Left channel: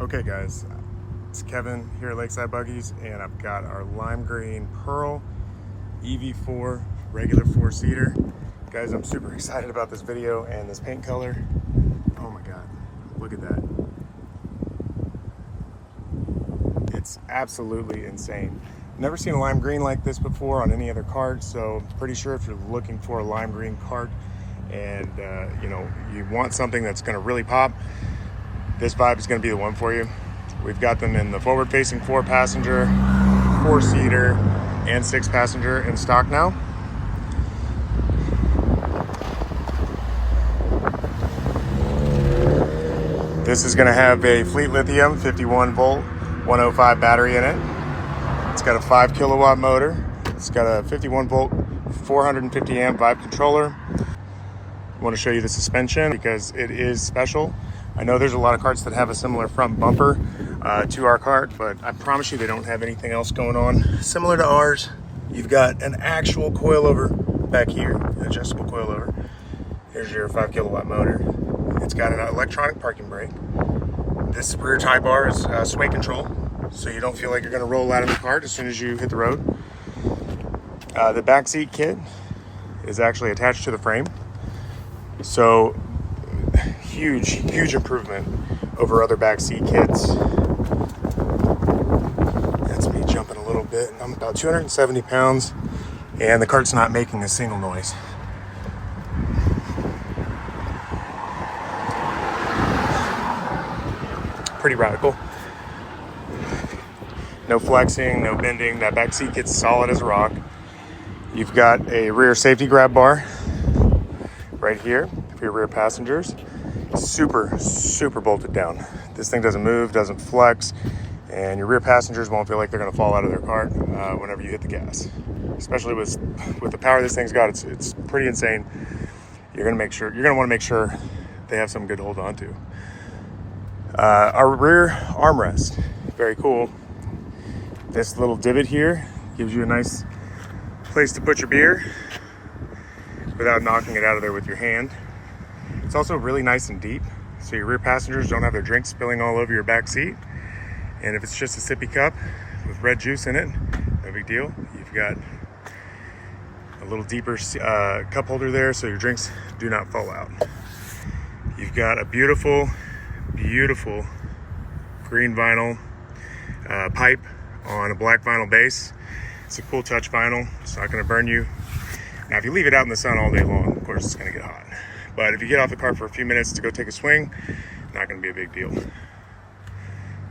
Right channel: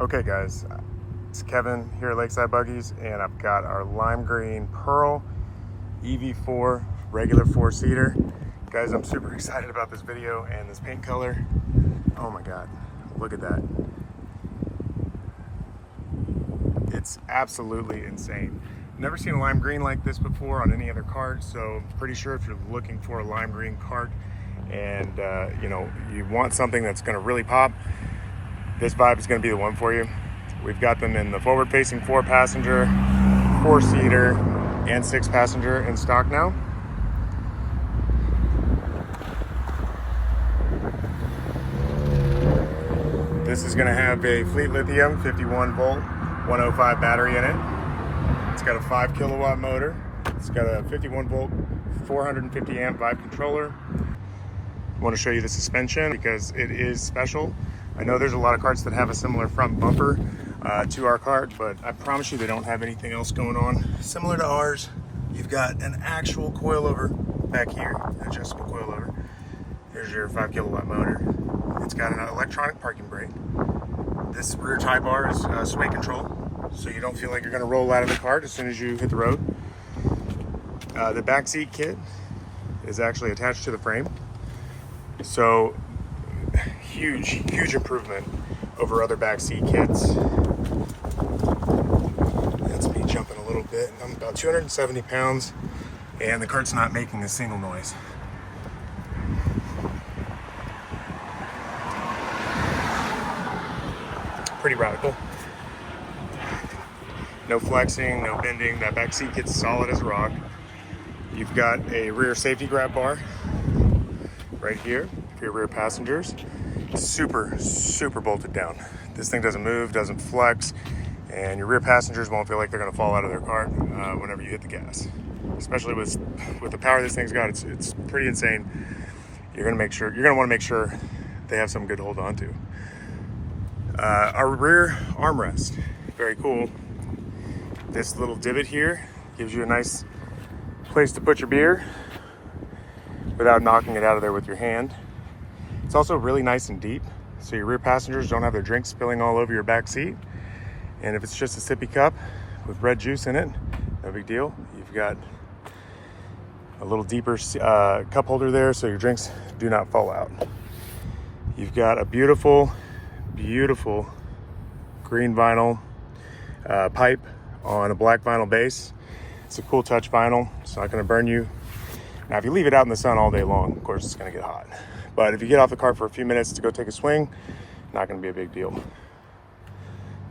Okay guys, it's Kevin here at Lakeside Buggies, and I've got our lime green Pearl EV4 regular 4-seater. Guys, I'm super excited about this video and this paint color. Oh my God, look at that. It's absolutely insane. Never seen a lime green like this before on any other card, so pretty sure if you're looking for a lime green card and you want something that's gonna really pop, this Vibe is going to be the one for you. We've got them in the forward-facing 4-passenger, 4-seater, and 6-passenger in stock now. This is going to have a Fleet Lithium 51-volt 105 battery in it. It's got a 5-kilowatt motor. It's got a 51-volt 450-amp Vibe controller. I want to show you the suspension because it is special. I know there's a lot of carts that have a similar front bumper to our cart, but I promise you they don't have anything else going on similar to ours. You've got an actual coilover back here, an adjustable coilover. Here's your 5-kilowatt motor. It's got an electronic parking brake. This rear tie bar is sway control, so you don't feel like you're going to roll out of the cart as soon as you hit the road. The back seat kit is actually attached to the frame, so huge improvement over other back seat kits. That's me jumping a little bit. I'm about 270 pounds and the cart's not making a single noise. Pretty radical. No flexing, no bending. That back seat kit's solid as a rock. You've got a rear safety grab bar right here for your rear passengers. Super bolted down. This thing doesn't move, doesn't flex, and your rear passengers won't feel like they're going to fall out of their cart whenever you hit the gas. Especially with the power this thing's got, it's pretty insane. You're going to want to make sure they have something good to hold on to. Our rear armrest, very cool. This little divot here gives you a nice place to put your beer without knocking it out of there with your hand. It's also really nice and deep, so your rear passengers don't have their drinks spilling all over your back seat. And if it's just a sippy cup with red juice in it, no big deal. You've got a little deeper cup holder there so your drinks do not fall out. You've got a beautiful green vinyl pipe on a black vinyl base. It's a cool touch vinyl. It's not going to burn you. Now, if you leave it out in the sun all day long, of course, it's going to get hot. But if you get off the cart for a few minutes to go take a swing, not going to be a big deal.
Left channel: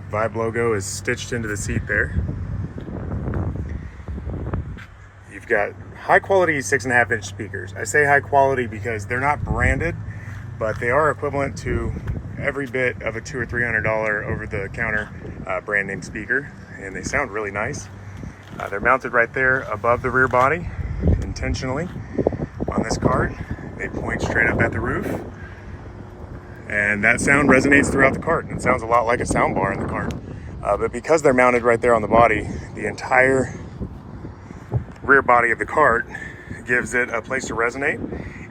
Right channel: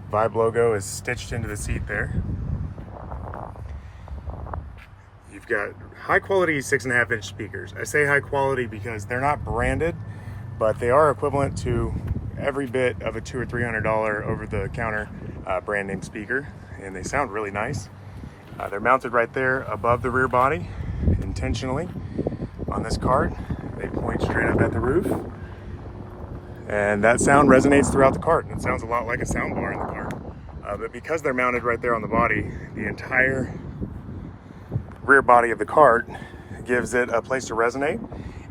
Vibe logo is stitched into the seat there. You've got high quality 6.5-inch speakers. I say high quality because they're not branded, but they are equivalent to every bit of a $200 or $300 over-the-counter brand name speaker, and they sound really nice. They're mounted right there above the rear body, intentionally, on this cart. They point straight up at the roof, and that sound resonates throughout the cart, and it sounds a lot like a sound bar in the cart. But because they're mounted right there on the body, the entire rear body of the cart gives it a place to resonate.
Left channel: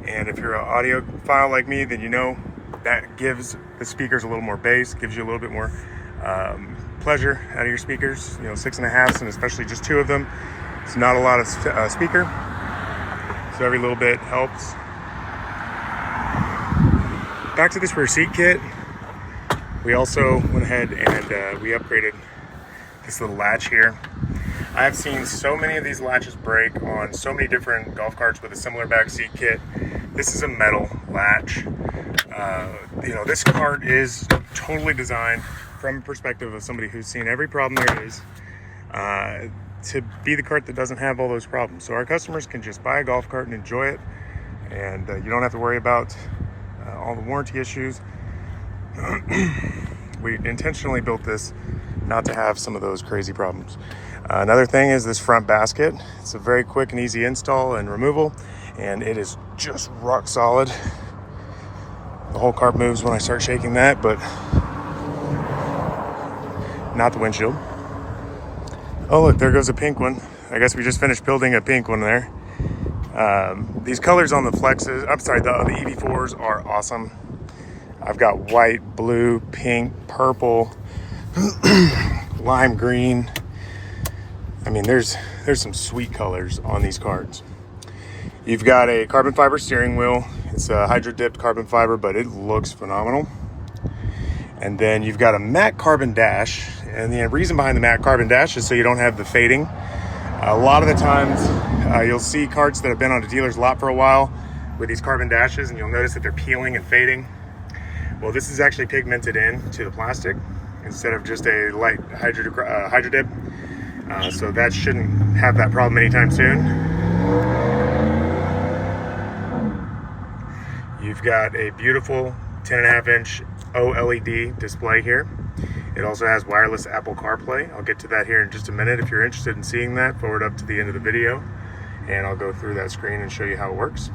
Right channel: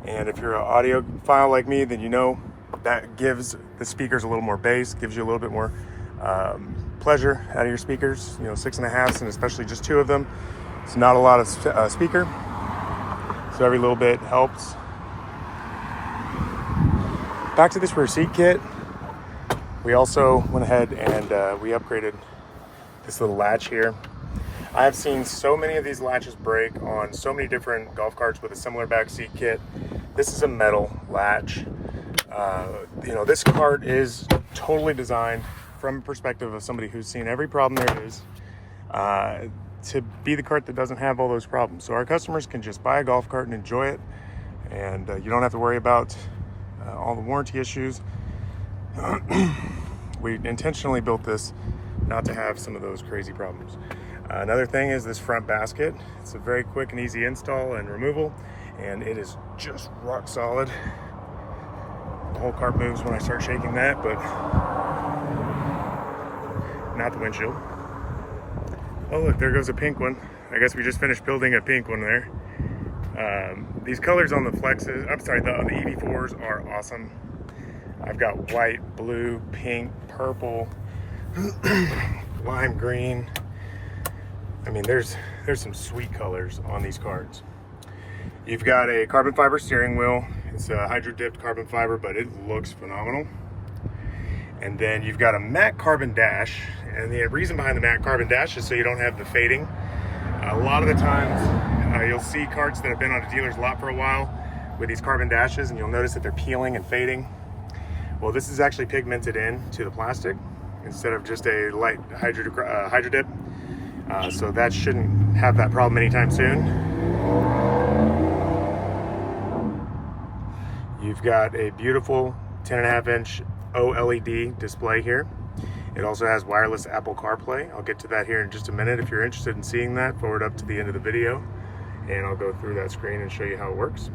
And if you're an audiophile like me, then you know that gives the speakers a little more bass, gives you a little bit more pleasure out of your speakers. 6.5s, and especially just 2 of them, it's not a lot of speaker, so every little bit helps. Back to this rear seat kit, we also went ahead and we upgraded this little latch here. I've seen so many of these latches break on so many different golf carts with a similar back seat kit. This is a metal latch. This cart is totally designed from a perspective of somebody who's seen every problem there is to be the cart that doesn't have all those problems. So our customers can just buy a golf cart and enjoy it, and you don't have to worry about all the warranty issues. We intentionally built this not to have some of those crazy problems. Another thing is this front basket. It's a very quick and easy install and removal, and it is just rock solid. The whole cart moves when I start shaking that, but not the windshield. Oh look, there goes a pink one. I guess we just finished building a pink one there. These colors on the Flexes, the EV4s are awesome. I've got white, blue, pink, purple, lime green. I mean, there's some sweet colors on these cards. You've got a carbon fiber steering wheel. It's a hydro dipped carbon fiber, but it looks phenomenal. And then you've got a matte carbon dash. And the reason behind the matte carbon dash is so you don't have the fading. A lot of the times you'll see carts that have been on a dealer's lot for a while with these carbon dashes, and you'll notice that they're peeling and fading. Well, this is actually pigmented in to the plastic instead of just a light hydro dip. So that shouldn't have that problem anytime soon. You've got a beautiful 10.5-inch OLED display here. It also has wireless Apple CarPlay. I'll get to that here in just a minute. If you're interested in seeing that, forward up to the end of the video and I'll go through that screen and show you how it works.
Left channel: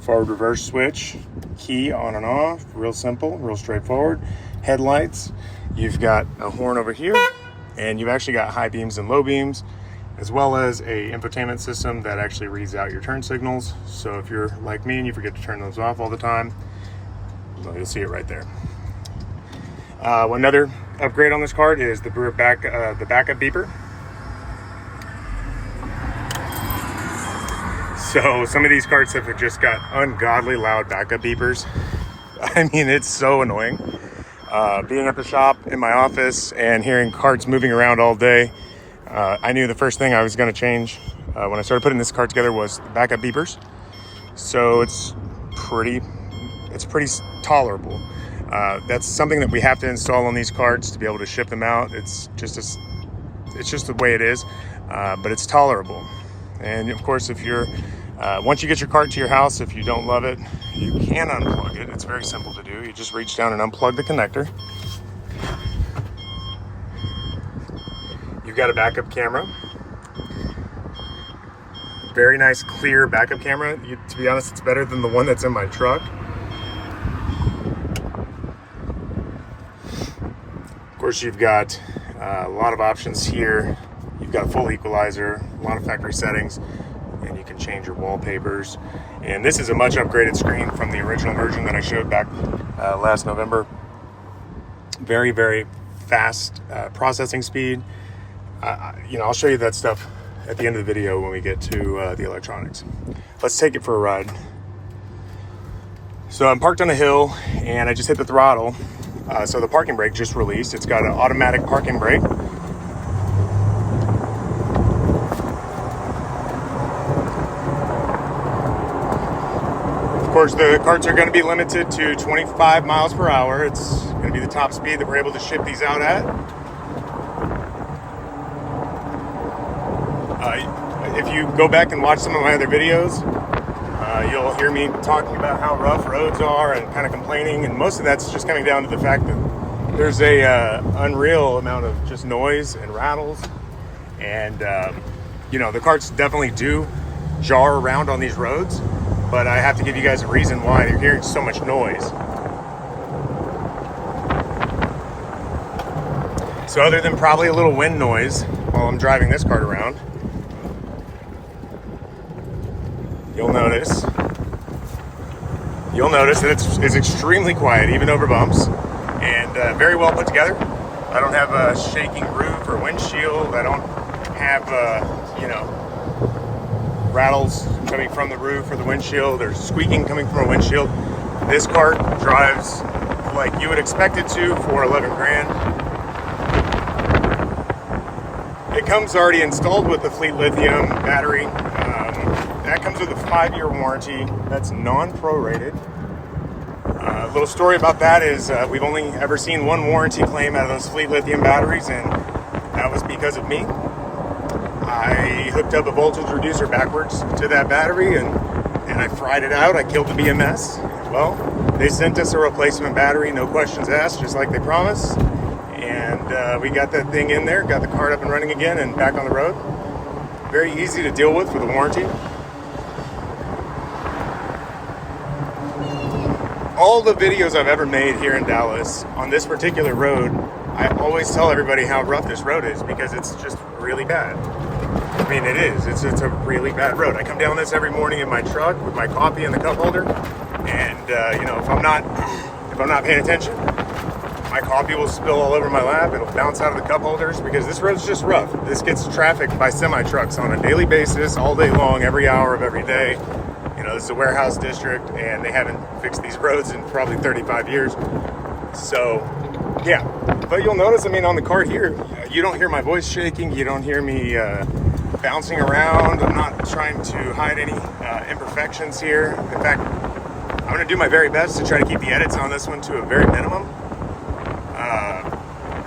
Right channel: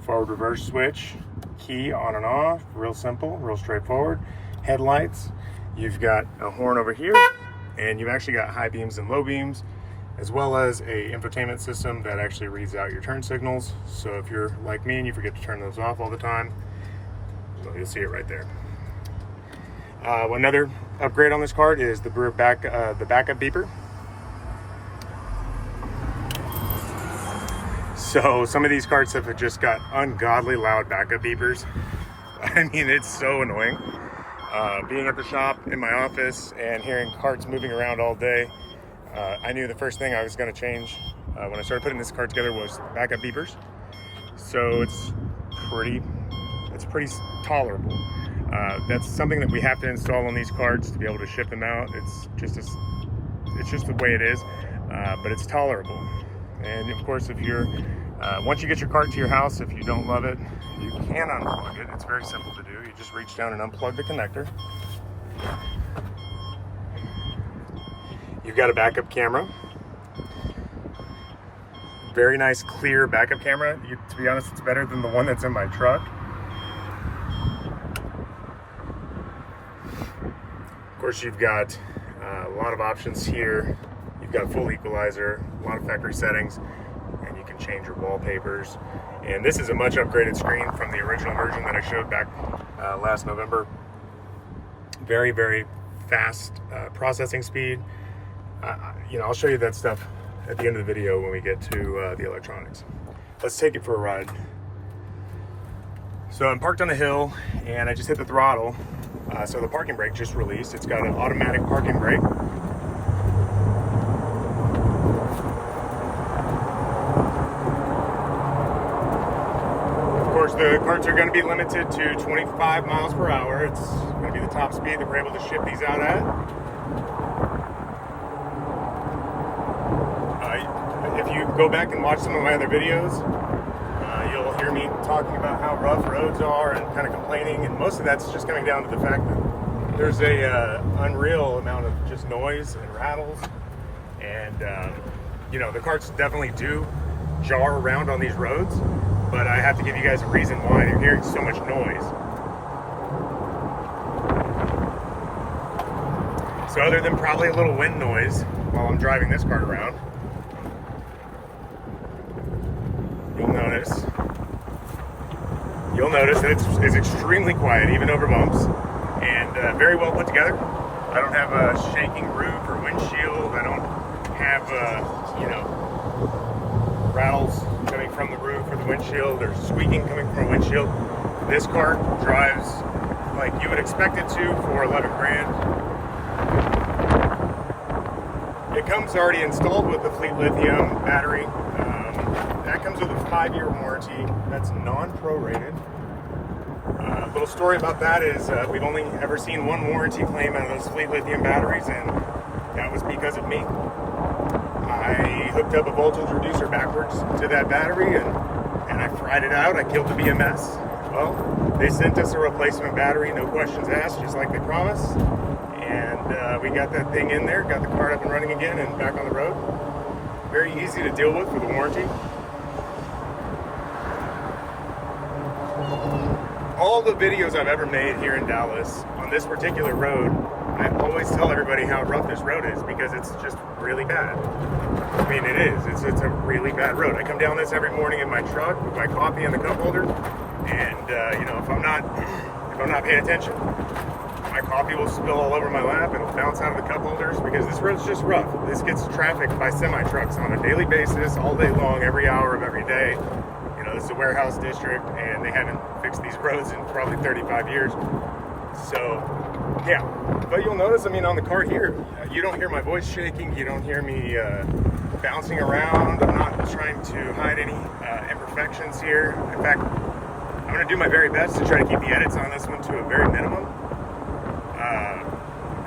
Forward reverse switch, key on and off, real simple, real straightforward. Headlights, you've got a horn over here, and you've actually got high beams and low beams, as well as a infotainment system that actually reads out your turn signals. So if you're like me and you forget to turn those off all the time, well, you'll see it right there. Another upgrade on this card is the backup beeper. So some of these carts have just got ungodly loud backup beepers. I mean, it's so annoying. Being at the shop, in my office, and hearing carts moving around all day, I knew the first thing I was going to change when I started putting this cart together was backup beepers. So it's pretty tolerable. That's something that we have to install on these carts to be able to ship them out. It's just the way it is, but it's tolerable. And of course, if you're once you get your cart to your house, if you don't love it, you can unplug it. It's very simple to do. You just reach down and unplug the connector. You've got a backup camera. Very nice, clear backup camera. To be honest, it's better than the one that's in my truck. Of course, you've got a lot of options here. You've got a full equalizer, a lot of factory settings, and you can change your wallpapers. And this is a much upgraded screen from the original version that I showed back last November. Very, very fast processing speed. I'll show you that stuff at the end of the video when we get to the electronics. Let's take it for a ride. So I'm parked on a hill and I just hit the throttle. So the parking brake just released. It's got an automatic parking brake. Of course, the carts are going to be limited to 25 miles per hour. It's going to be the top speed that we're able to ship these out at. If you go back and watch some of my other videos, you'll hear me talking about how rough roads are and kind of complaining, and most of that's just coming down to the fact that there's a unreal amount of just noise and rattles, and the carts definitely do jar around on these roads, but I have to give you guys a reason why you're hearing so much noise. So other than probably a little wind noise while I'm driving this cart around, you'll notice that it's extremely quiet, even over bumps, and very well put together. I don't have a shaking roof or windshield. I don't have rattles coming from the roof or the windshield, or squeaking coming from a windshield. This cart drives like you would expect it to for 11 grand. It comes already installed with the Fleet Lithium battery. That comes with a 5-year warranty. That's non-prorated. A little story about that is we've only ever seen one warranty claim out of those Fleet Lithium batteries, and that was because of me. I hooked up a voltage reducer backwards to that battery, and I fried it out. I killed the BMS. Well, they sent us a replacement battery, no questions asked, just like they promised. And we got that thing in there, got the cart up and running again and back on the road. Very easy to deal with a warranty. All the videos I've ever made here in Dallas on this particular road, I always tell everybody how rough this road is because it's just really bad. I mean, it is. It's a really bad road. I come down this every morning in my truck with my coffee in the cup holder, and if I'm not if I'm not paying attention, my coffee will spill all over my lap. It'll bounce out of the cup holders because this road's just rough. This gets trafficked by semi-trucks on a daily basis, all day long, every hour of every day. You know, this is a warehouse district and they haven't fixed these roads in probably 35 years. So, yeah. But you'll notice, I mean, on the car here, you don't hear my voice shaking. You don't hear me bouncing around. I'm not trying to hide any imperfections here. In fact, I'm going to do my very best to try to keep the edits on this one to a very minimum.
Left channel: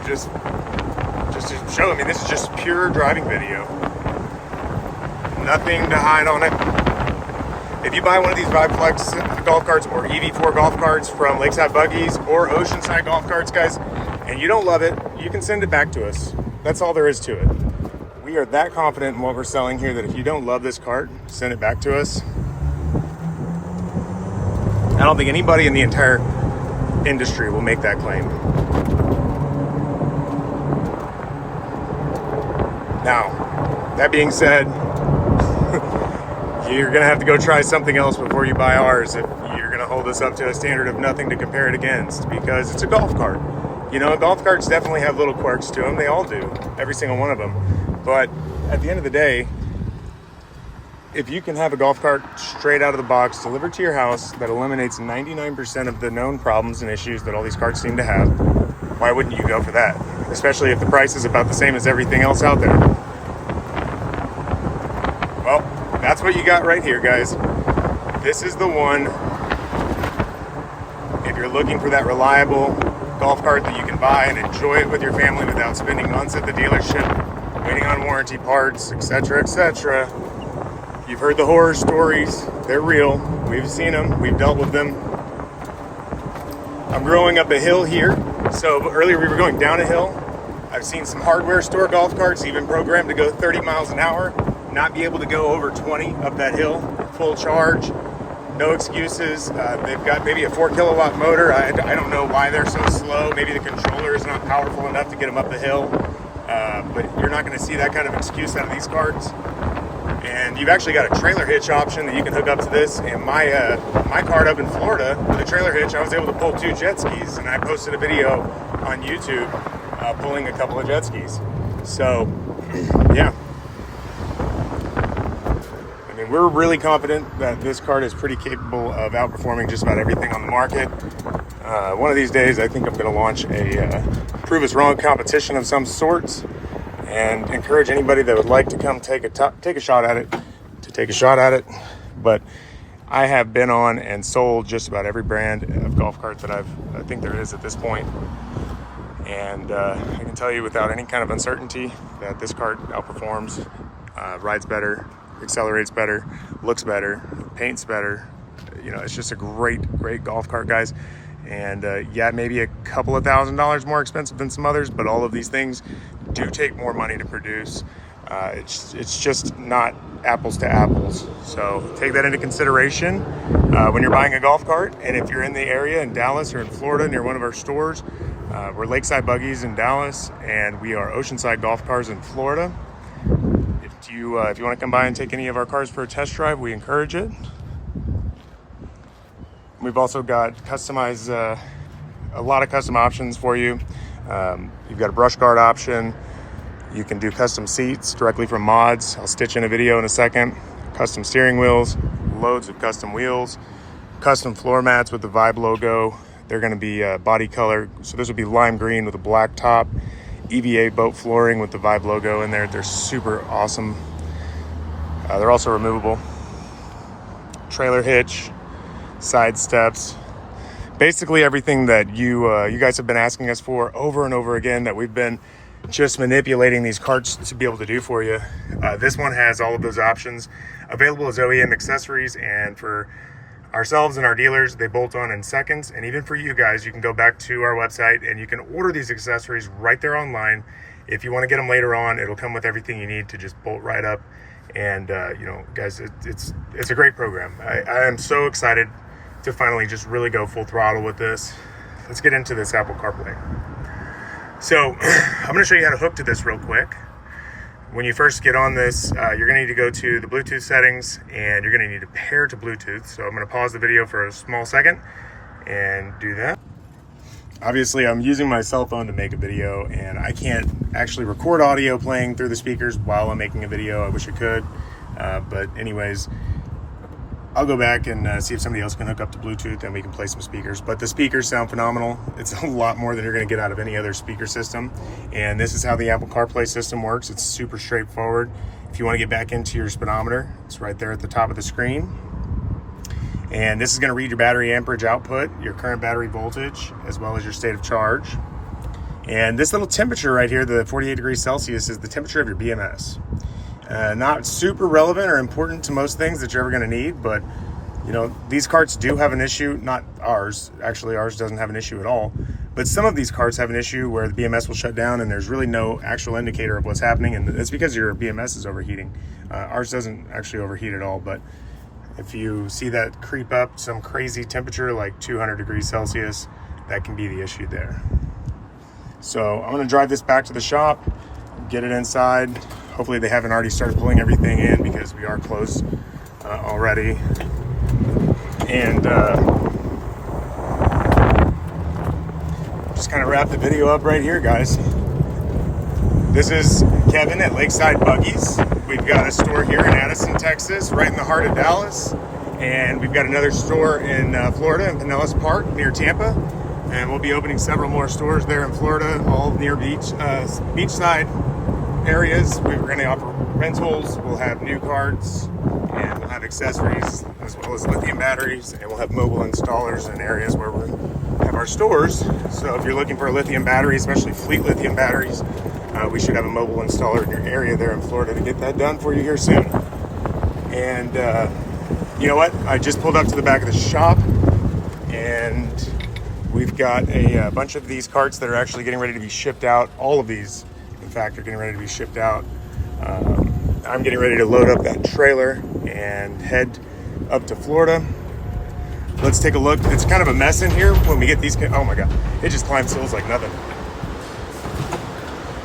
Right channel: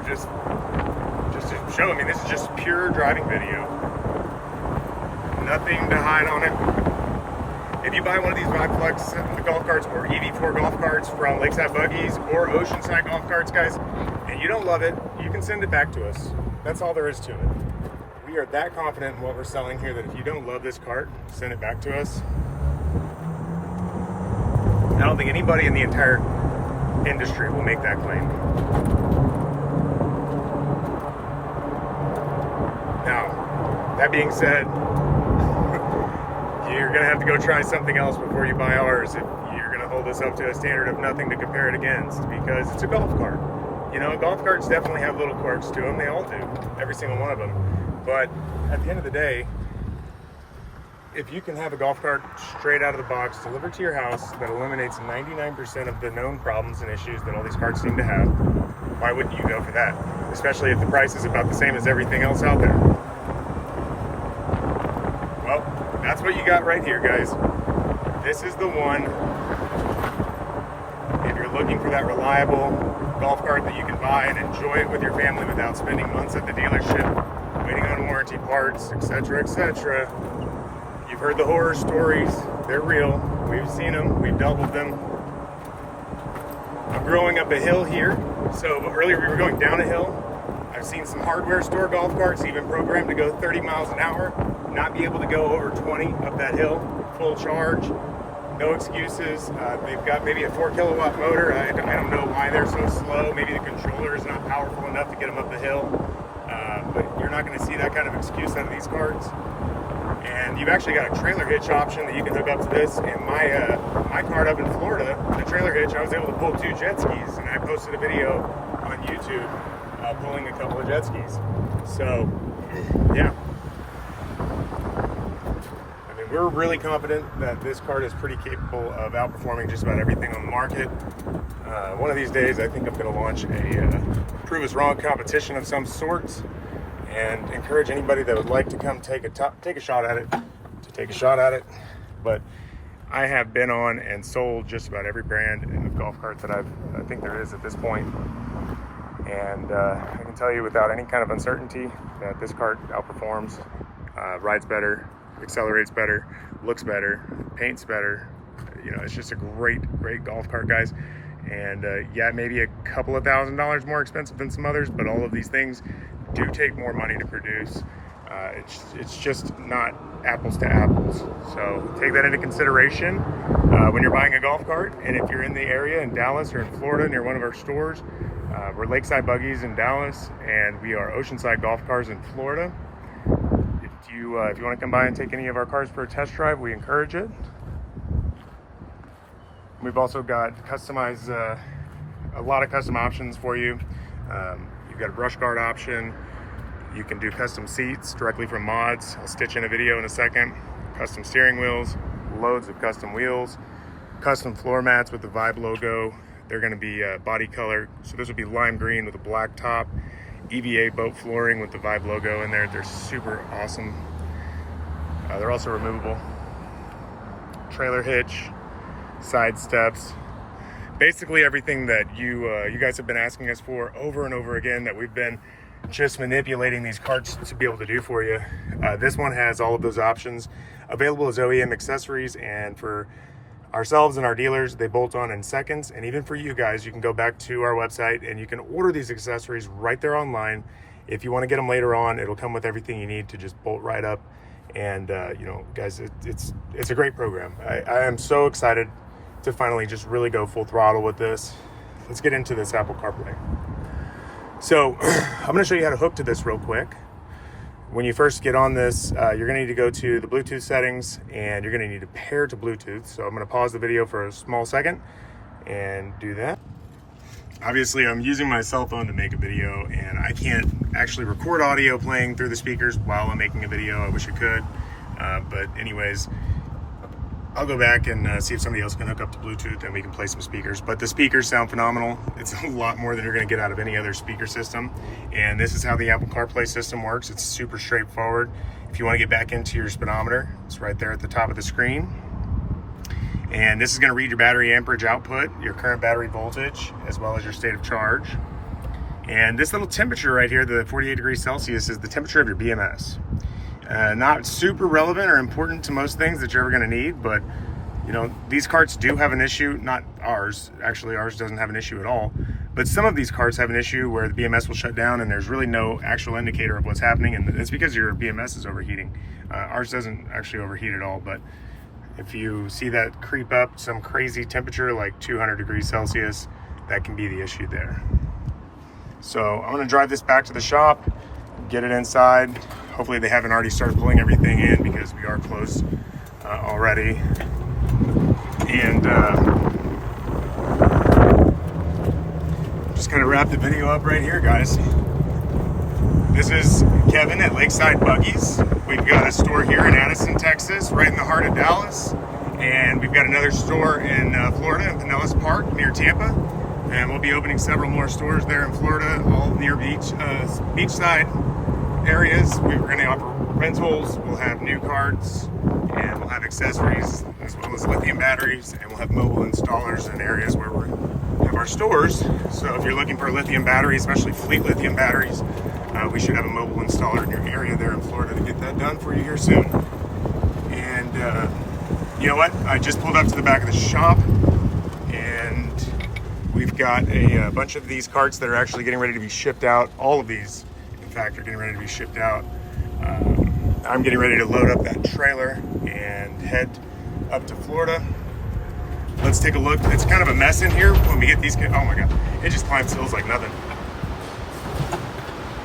Just to show, I mean, this is just pure driving video. Nothing to hide on it. If you buy one of these Vibe Flex golf carts or EV4 golf carts from Lakeside Buggies or Oceanside Golf Cars, guys, and you don't love it, you can send it back to us. That's all there is to it. We are that confident in what we're selling here that if you don't love this cart, send it back to us. I don't think anybody in the entire industry will make that claim. Now, that being said, you're gonna have to go try something else before you buy ours if you're gonna hold us up to a standard of nothing to compare it against, because it's a golf cart. You know, golf carts definitely have little quirks to them. They all do, every single one of them. But at the end of the day, if you can have a golf cart straight out of the box delivered to your house that eliminates 99% of the known problems and issues that all these carts seem to have, why wouldn't you go for that? Especially if the price is about the same as everything else out there. Well, that's what you got right here, guys. This is the one. If you're looking for that reliable golf cart that you can buy and enjoy it with your family without spending months at the dealership, waiting on warranty parts, etc., etc. You've heard the horror stories. They're real. We've seen them. We've dealt with them. I'm growing up a hill here. So earlier we were going down a hill. I've seen some hardware store golf carts even programmed to go 30 miles an hour, not be able to go over 20 up that hill, full charge, no excuses. They've got maybe a 4 kilowatt motor. I don't know why they're so slow. Maybe the controller is not powerful enough to get them up the hill. But you're not going to see that kind of excuse out of these carts. And you've actually got a trailer hitch option that you can hook up to this. And my cart up in Florida with a trailer hitch, I was able to pull 2 jet skis, and I posted a video on YouTube pulling a couple of jet skis. So, yeah. I mean, we're really confident that this cart is pretty capable of outperforming just about everything on the market. One of these days, I think I'm going to launch a prove us wrong competition of some sorts, and encourage anybody that would like to come take a shot at it to take a shot at it. But I have been on and sold just about every brand of golf cart that I think there is at this point. And I can tell you without any kind of uncertainty that this cart outperforms, rides better, accelerates better, looks better, paints better. You know, it's just a great golf cart, guys. And yeah, maybe a couple of $1,000s more expensive than some others, but all of these things do take more money to produce. It's just not apples to apples. So take that into consideration when you're buying a golf cart. And if you're in the area in Dallas or in Florida near one of our stores, we're Lakeside Buggies in Dallas, and we are Oceanside Golf Cars in Florida. If you want to come by and take any of our cars for a test drive, we encourage it. We've also got customized, a lot of custom options for you. You've got a brush guard option. You can do custom seats directly from mods. I'll stitch in a video in a second. Custom steering wheels, loads of custom wheels, custom floor mats with the Vibe logo. They're going to be body color. So this would be lime green with a black top. EVA boat flooring with the Vibe logo in there. They're super awesome. They're also removable. Trailer hitch, side steps. Basically everything that you guys have been asking us for over and over again, that we've been just manipulating these carts to be able to do for you. This one has all of those options available as OEM accessories, and for ourselves and our dealers, they bolt on in seconds. And even for you guys, you can go back to our website and you can order these accessories right there online. If you want to get them later on, it'll come with everything you need to just bolt right up. And you know, guys, it's a great program. I am so excited to finally just really go full throttle with this. Let's get into this Apple CarPlay. So I'm going to show you how to hook to this real quick. When you first get on this, you're going to need to go to the Bluetooth settings, and you're going to need to pair to Bluetooth. So I'm going to pause the video for a small second and do that. Obviously, I'm using my cell phone to make a video, and I can't actually record audio playing through the speakers while I'm making a video. I wish I could, but anyways, I'll go back and see if somebody else can hook up to Bluetooth and we can play some speakers. But the speakers sound phenomenal. It's a lot more than you're going to get out of any other speaker system. And this is how the Apple CarPlay system works. It's super straightforward. If you want to get back into your speedometer, it's right there at the top of the screen. And this is going to read your battery amperage output, your current battery voltage, as well as your state of charge. And this little temperature right here, the 48 degrees Celsius, is the temperature of your BMS. Not super relevant or important to most things that you're ever going to need, but you know, these carts do have an issue. Not ours, actually ours doesn't have an issue at all, but some of these carts have an issue where the BMS will shut down and there's really no actual indicator of what's happening, and it's because your BMS is overheating. Ours doesn't actually overheat at all, but if you see that creep up some crazy temperature like 200 degrees Celsius, that can be the issue there. So I'm going to drive this back to the shop, get it inside. Hopefully they haven't already started pulling everything in because we are closed already. And just kind of wrap the video up right here, guys. This is Kevin at Lakeside Buggies. We've got a store here in Addison, Texas, right in the heart of Dallas. And we've got another store in Florida, in Pinellas Park, near Tampa. And we'll be opening several more stores there in Florida, all near beachside areas. We're going to offer rentals. We'll have new carts, and we'll have accessories, as well as lithium batteries. And we'll have mobile installers in areas where we have our stores. So if you're looking for a lithium battery, especially fleet lithium batteries, we should have a mobile installer in your area there in Florida to get that done for you here soon. And you know what? I just pulled up to the back of the shop, and we've got a bunch of these carts that are actually getting ready to be shipped out. All of these, in fact, are getting ready to be shipped out. I'm getting ready to load up that trailer and head up to Florida. Let's take a look. It's kind of a mess in here when we get these. Oh my God, it just climbs hills like nothing.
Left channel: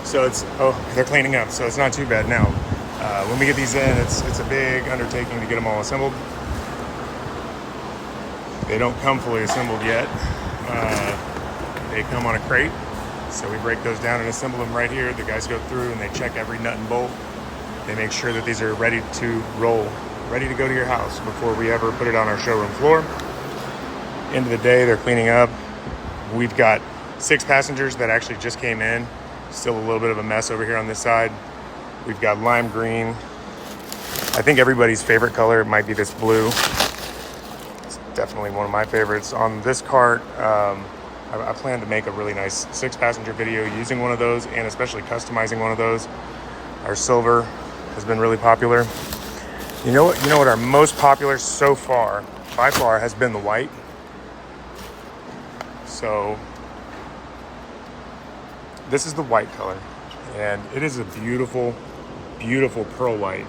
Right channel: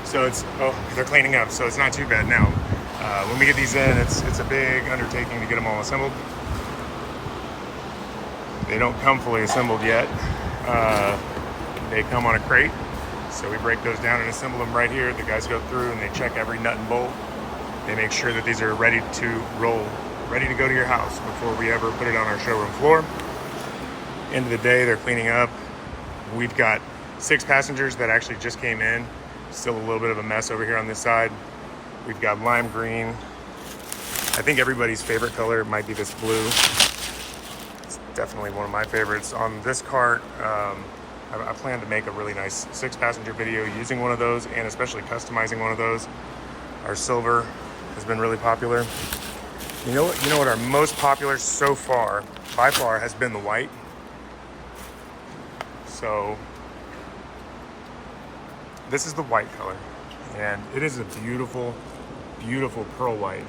So it's, oh, they're cleaning up, so it's not too bad now. When we get these in, it's a big undertaking to get them all assembled. They don't come fully assembled yet. They come on a crate, so we break those down and assemble them right here. The guys go through and they check every nut and bolt. They make sure that these are ready to roll, ready to go to your house before we ever put it on our showroom floor. End of the day, they're cleaning up. We've got 6 passengers that actually just came in. Still a little bit of a mess over here on this side. We've got lime green. I think everybody's favorite color might be this blue. It's definitely one of my favorites. On this cart, I plan to make a really nice 6-passenger video using one of those, and especially customizing one of those. Our silver has been really popular. You know what our most popular so far, by far, has been the white. So this is the white color, and it is a beautiful, beautiful pearl white.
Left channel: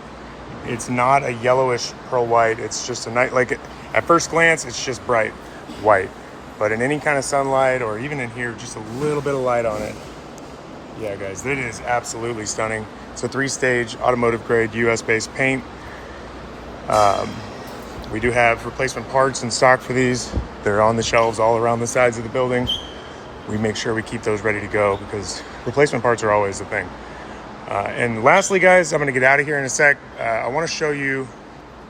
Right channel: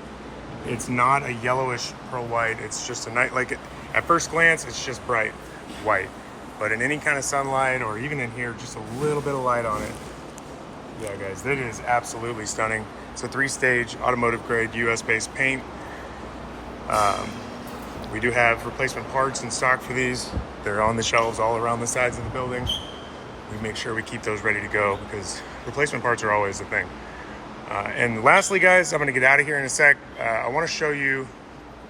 It's not a yellowish pearl white. It's just a nice, like at first glance, it's just bright white. But in any kind of sunlight, or even in here, just a little bit of light on it. Yeah, guys, it is absolutely stunning. It's a 3-stage automotive grade US-based paint. We do have replacement parts in stock for these. They're on the shelves all around the sides of the building. We make sure we keep those ready to go because replacement parts are always the thing. And lastly, guys, I'm going to get out of here in a sec. I want to show you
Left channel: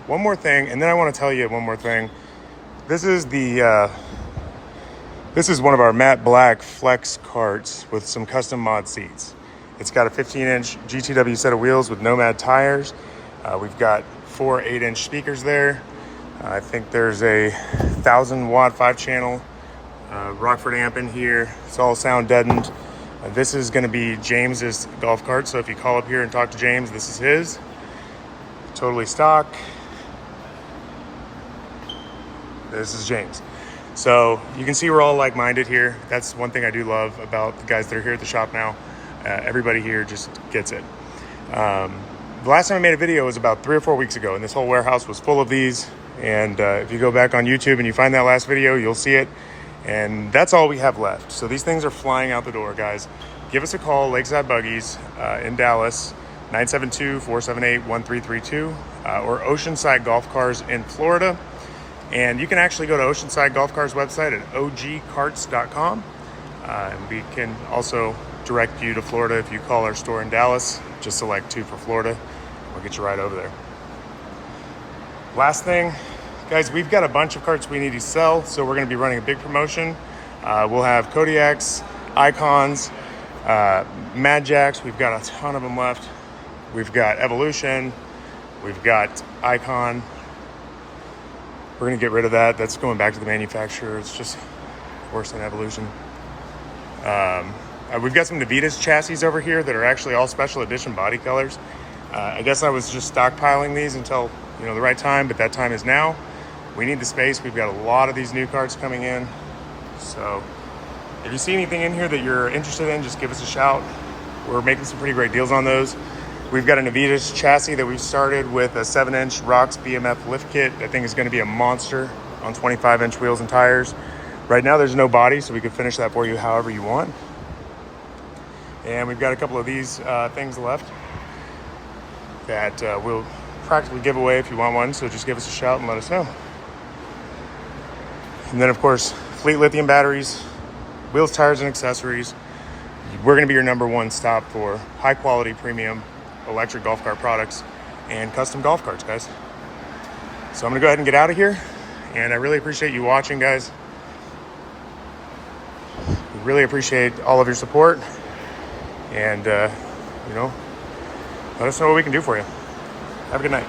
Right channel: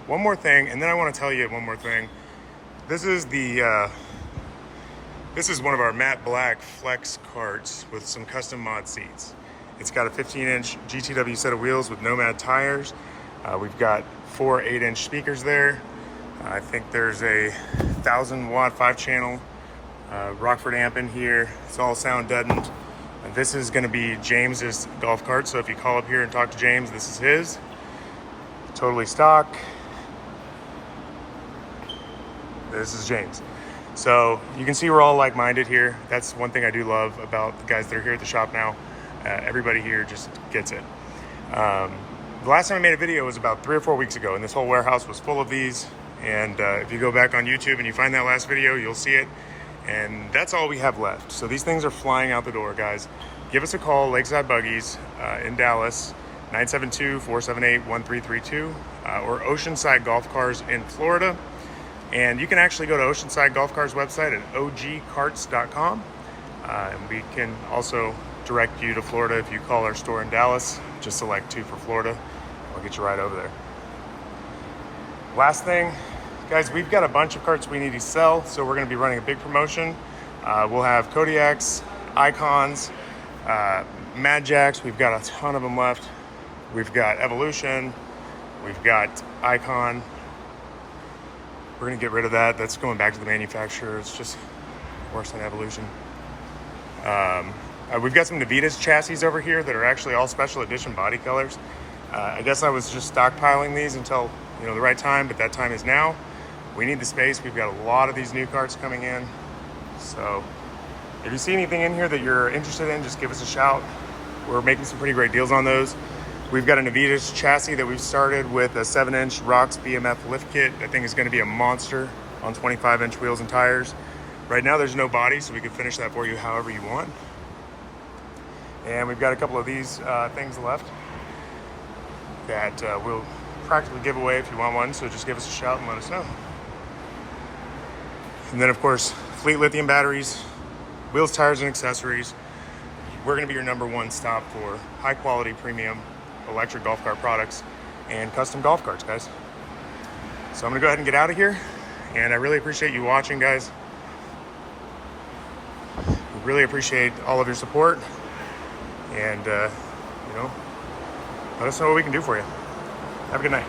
one more thing, and then I want to tell you one more thing. This is one of our matte black flex carts with some custom mod seats. It's got a 15-inch GTW set of wheels with Nomad tires. We've got 4 8-inch speakers there. I think there's a 1,000-watt 5-channel Rockford amp in here. It's all sound deadened. This is going to be James's golf cart, so if you call up here and talk to James, this is his. Totally stock. This is James. So you can see we're all like-minded here. That's one thing I do love about the guys that are here at the shop now. Everybody here just gets it. The last time I made a video was about 3 or 4 weeks ago, and this whole warehouse was full of these. And if you go back on YouTube and you find that last video, you'll see it. And that's all we have left. So these things are flying out the door, guys. Give us a call, Lakeside Buggies in Dallas, 972-478-1332, or Oceanside Golf Cars in Florida. And you can actually go to Oceanside Golf Cars website at ogcarts.com. And we can also direct you to Florida if you call our store in Dallas. Just select 2 for Florida. We'll get you right over there. Last thing, guys, we've got a bunch of carts we need to sell, so we're going to be running a big promotion. We'll have Kodiaks, Icons, Mad Jacks. We've got a ton of them left. We've got Evolution. We've got Icon. We're going to get rid of that. That's going back to the manufacturer. It's just worse than Evolution. We've got some Navitas chassis over here that are actually all special edition body colors. I guess I was just stockpiling these until the right time, but that time is now. We need the space. We've got a lot of these new carts coming in. So if you see anything in here that you're interested in, just give us a shout. We're making some pretty great deals on those. We've got a Navitas chassis that we've started with a 7-inch Rocks BMF lift kit. That thing is going to be a monster on 25-inch wheels and tires. Right now there's no body, so we can finish that for you however you want. And we've got a couple of these things left that we'll practically give away if you want one, so just give us a shout and let us know. And then of course, Fleet lithium batteries, wheels, tires, and accessories. We're going to be your #1 stop for high quality premium electric golf cart products and custom golf carts, guys. So I'm going to go ahead and get out of here, and I really appreciate you watching, guys. We really appreciate all of your support, and let us know what we can do for you. Have a good night.